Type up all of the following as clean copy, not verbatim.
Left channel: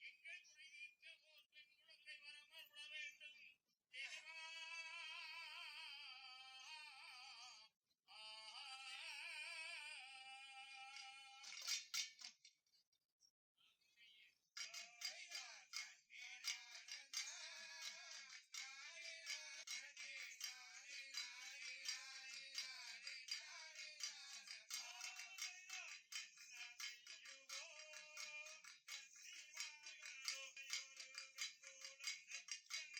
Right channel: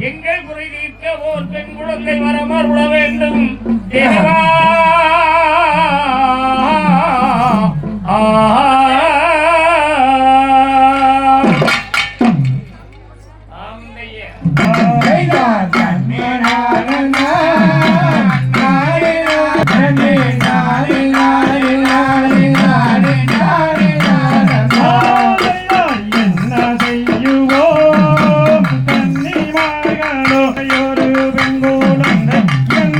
எங்கள் குறை தீர்க்க ஓர் பெண் குழந்தை வரமர் விட வேண்டும் தேவா. எங்க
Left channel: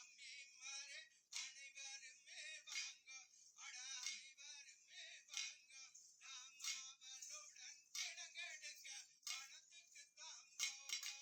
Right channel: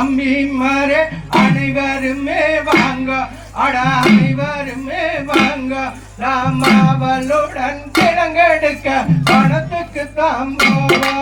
தம்பிமாரே அனைவருமே வாங்க அட அனைவருமே வாங்க நாம் அவளுடன் கிழங்கெடுக்க பணத்துக்கு தான் போவோம்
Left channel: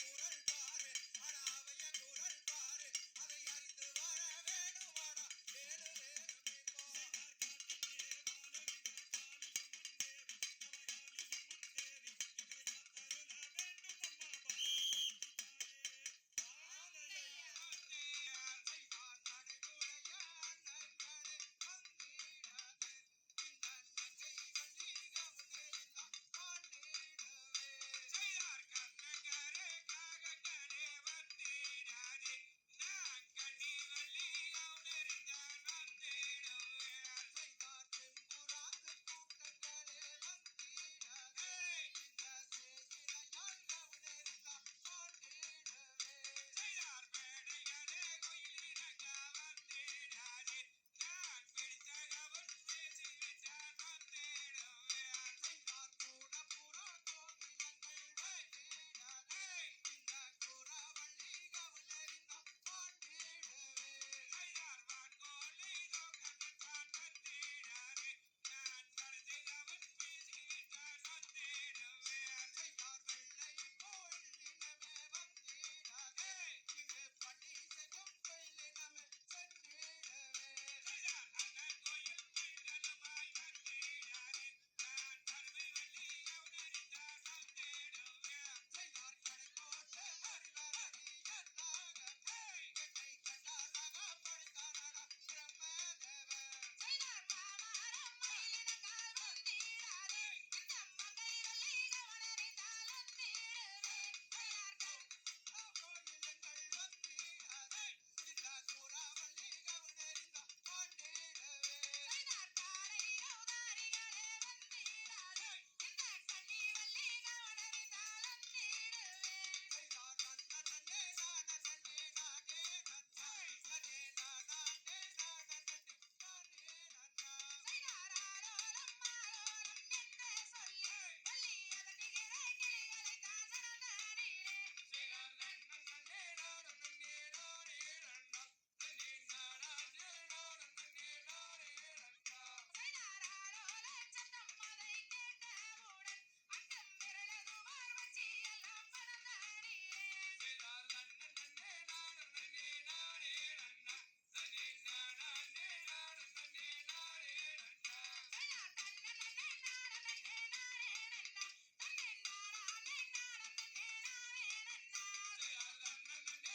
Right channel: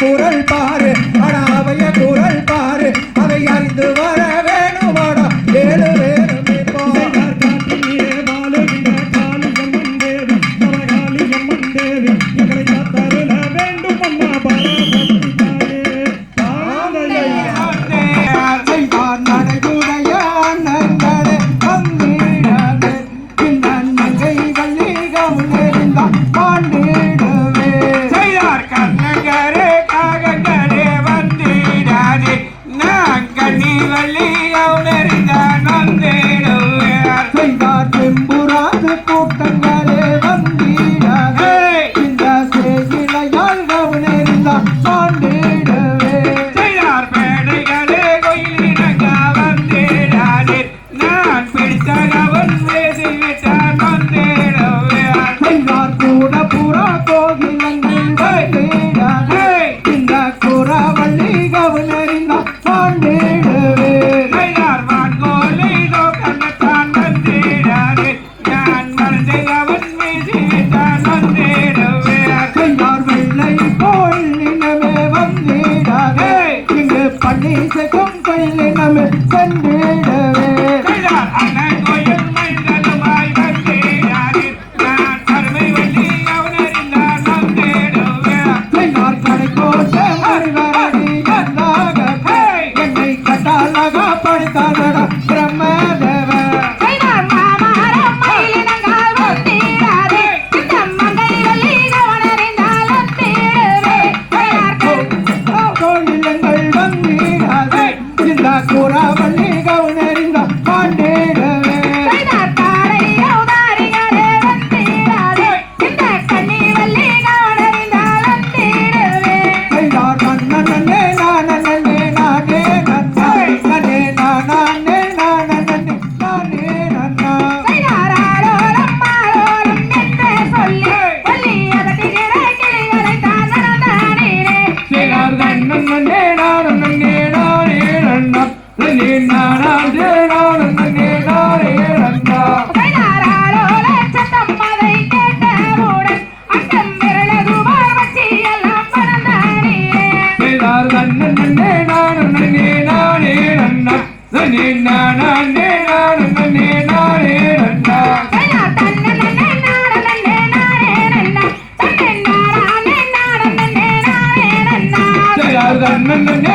குரல் பாரு அவைய குரல் பாரு அதை அறிந்து வர வேணுமாடா வேறு வேறு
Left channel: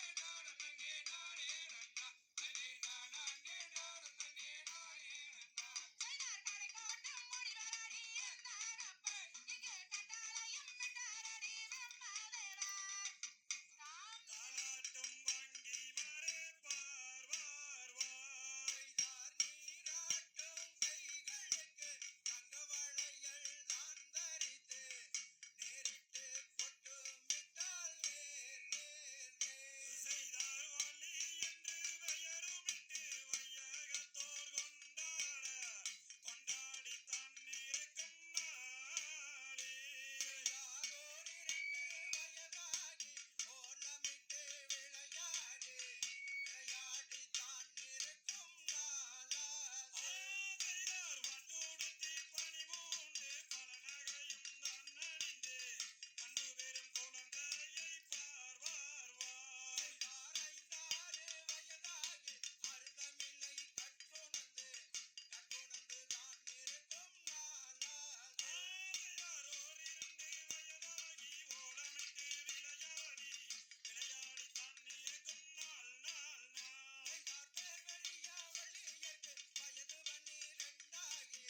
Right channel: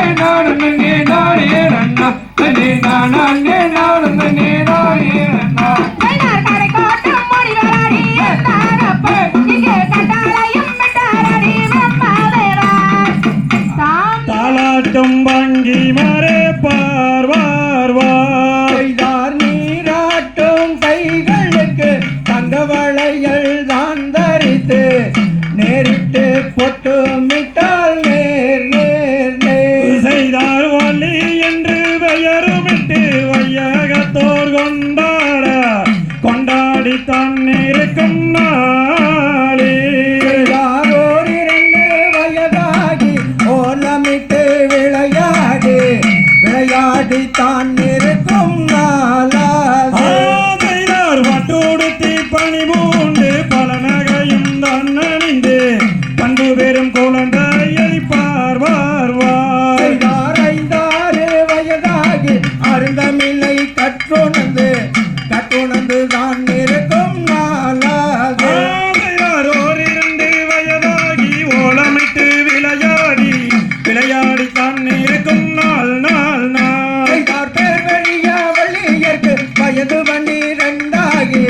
நன்னே நானே நன்னா நன்னே நானே நானே பொட்டுமிட்டால் நேர் நேர் நேர் செய்தார் வள்ளி என்று பெயருமிட்டு வையகத்தோர் கொண்டாட கொண்டாடி தன்னிருக்கும் நாளே யாரோர் 2 வயதாகி ஓலமிட்டு விளையாடி விளையாடி தான் இருக்கும் நாளாது செய்தார் வட்டோடுத்தி பணி பூண்டு பல நகையும் தான் அணிந்து பண்பு பெறும் குழந்தையை பார்வார் செய்தார் 5 வயதாகி அருந்தமில்லை கற்றுணர்ந்து தான் இருக்கும் நாளாது ஓர் 2 வயதாகி ஓலமிட்டு விளையாடி விளையாடி தான் இருக்கும் நாள் நாள் நாள் செய்தார் பேர் வெளிய வள்ளியர்க்கு வயது 12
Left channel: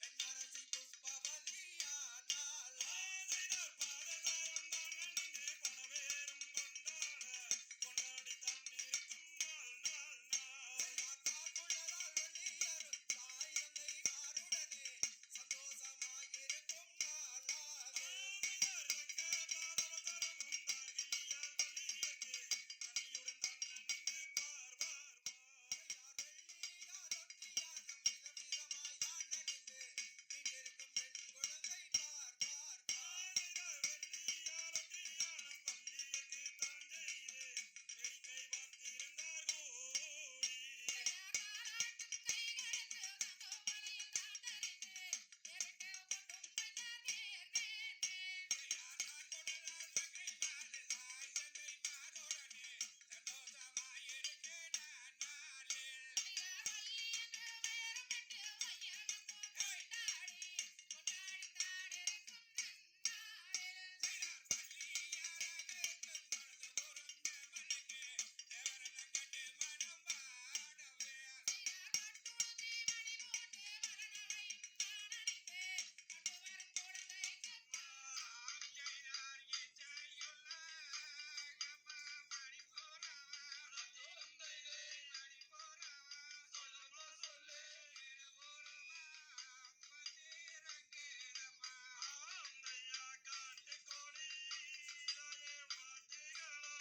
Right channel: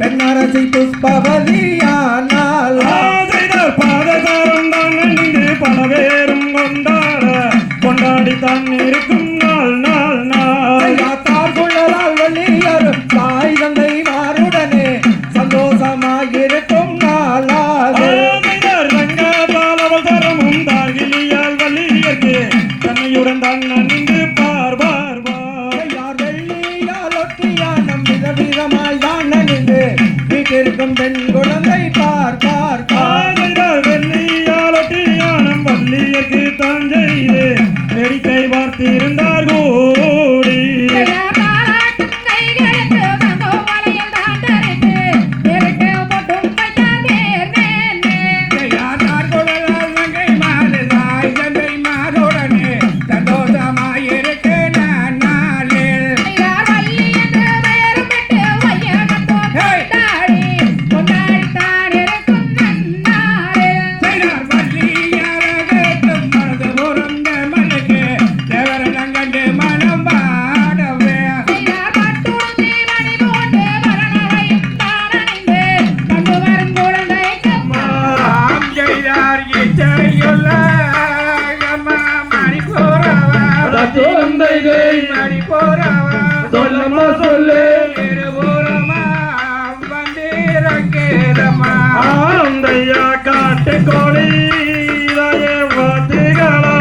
பெண்ணரசி புஷ்பவதியானால் செய்தார் பாதசாரம் தான் அணிந்து பல பேரும் கொண்டாட கொண்டாடி தான் இருக்கும் நாள் நாள் நாள் தார் குழலால் வள்ளியர் தாய் தந்தை மாருடனே சந்தோஷமாயிருக்கும் நாளாது ரங்கபாலவசரமும் தாகிலியால் வள்ளியர்க்கு தன்னையுடன் தான் அணிந்து பார்வார் யார் வெள்ளியால் ஒட்டியானம் விதவிதமாய் தான் அணிந்து வீட்டிற்கும் பெண் குழந்தை பார் பார் பார் வெள்ளியாலட்டியானம் வள்ளியர்க்கு தான் செய்து வேடிக்கை பார்த்திருந்தார் கூடி தார் குழலால் நங்கை மாறு தாய் தந்தை மாருடனே சந்தோஷமாயிருக்கு நாளில் செய்தார் வள்ளியரகத்தும் மனது முறந்த மனுக்கு தேவரங்கண்டு மனம் பாடவே ஆம் செய்தார் இச்சையுள்ள மணிபோரவா சொல்லம்மா சொல்லு இருபுறமா வந்திருக்கிறமா ஆந்தையா காட்டு கோழி வாத்திகளா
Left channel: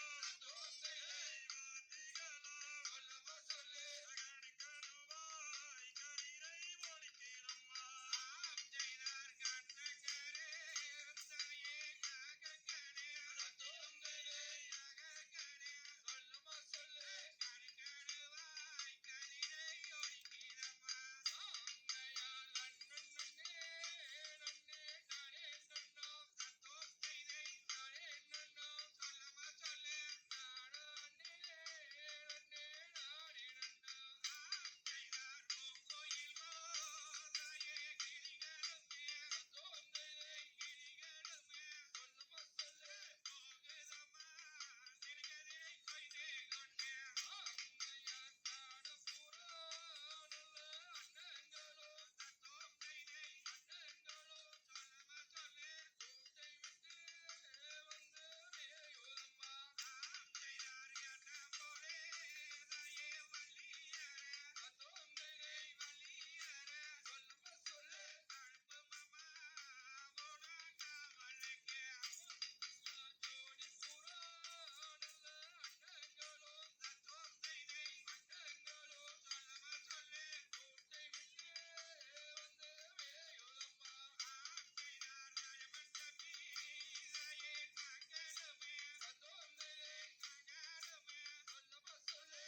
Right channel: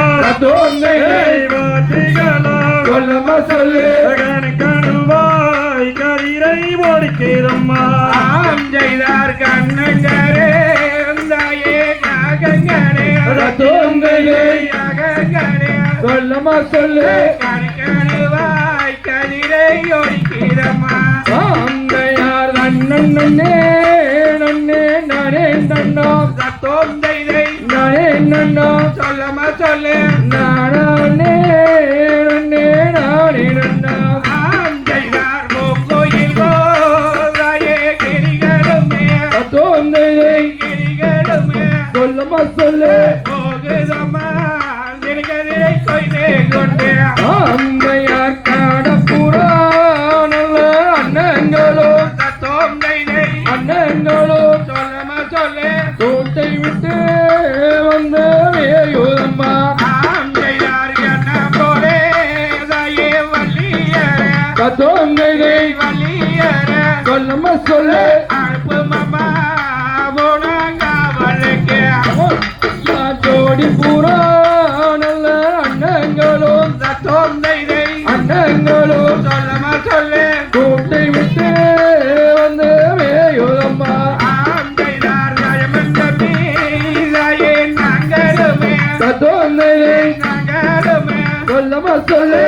வாத்திகளா சொல்லம்மா சொல்லு கணுவாய் கதிரை ஓடிக்கிறம்மா ஆம் செய்தார் கண்ணங்கரே தாயே நாகங்கரே நாகங்கரே சொல்லம்மா சொல்லு கண்கணுவாய் கதிரை ஒடிக்கிறமா ஆந்தையார் அண்ணன் நன்னே நன்னே நானே நன்னோ தோந்தைதை நானே நன்னோ சொல்லம்மா சொல்லு நானே நன்னே நானே நன்னோ ஆம் செய்தார் கோயில் தாயே கிரிகளுமே தோந்தையை கிரிகளுமே சொல்லம்மா சொல்லு போகுதம்மா திருகதிரை கொய்தே கொண்டே ஆந்தையார் காடப்புறா நல்ல அண்ணங்களோ தோந்தைதை அண்ணங்களோ சொல்லம்மா சொல்லு தோட்டை விட்டு வந்த வேயுதம்மா ஆம் செய்தார் என்ன போலே தாயே வள்ளியரே தோந்தையை வள்ளியரே சொல்லம்மா சொல்லு அனுப்பு மாமா போனாங்காவலுக்கு ஜோடி பூரா நல்ல அண்ணங்களோ தோந்தைதை அண்ணங்களோ சொல்லம்மா சொல்லு தோட்டை விட்டு வந்த வேயுதம்மா ஆம் செய்தார் ராஜமந்தமி தாயே நாங்களுமே தோந்தையை நாங்களுமே சொல்லம்மா சொல்லு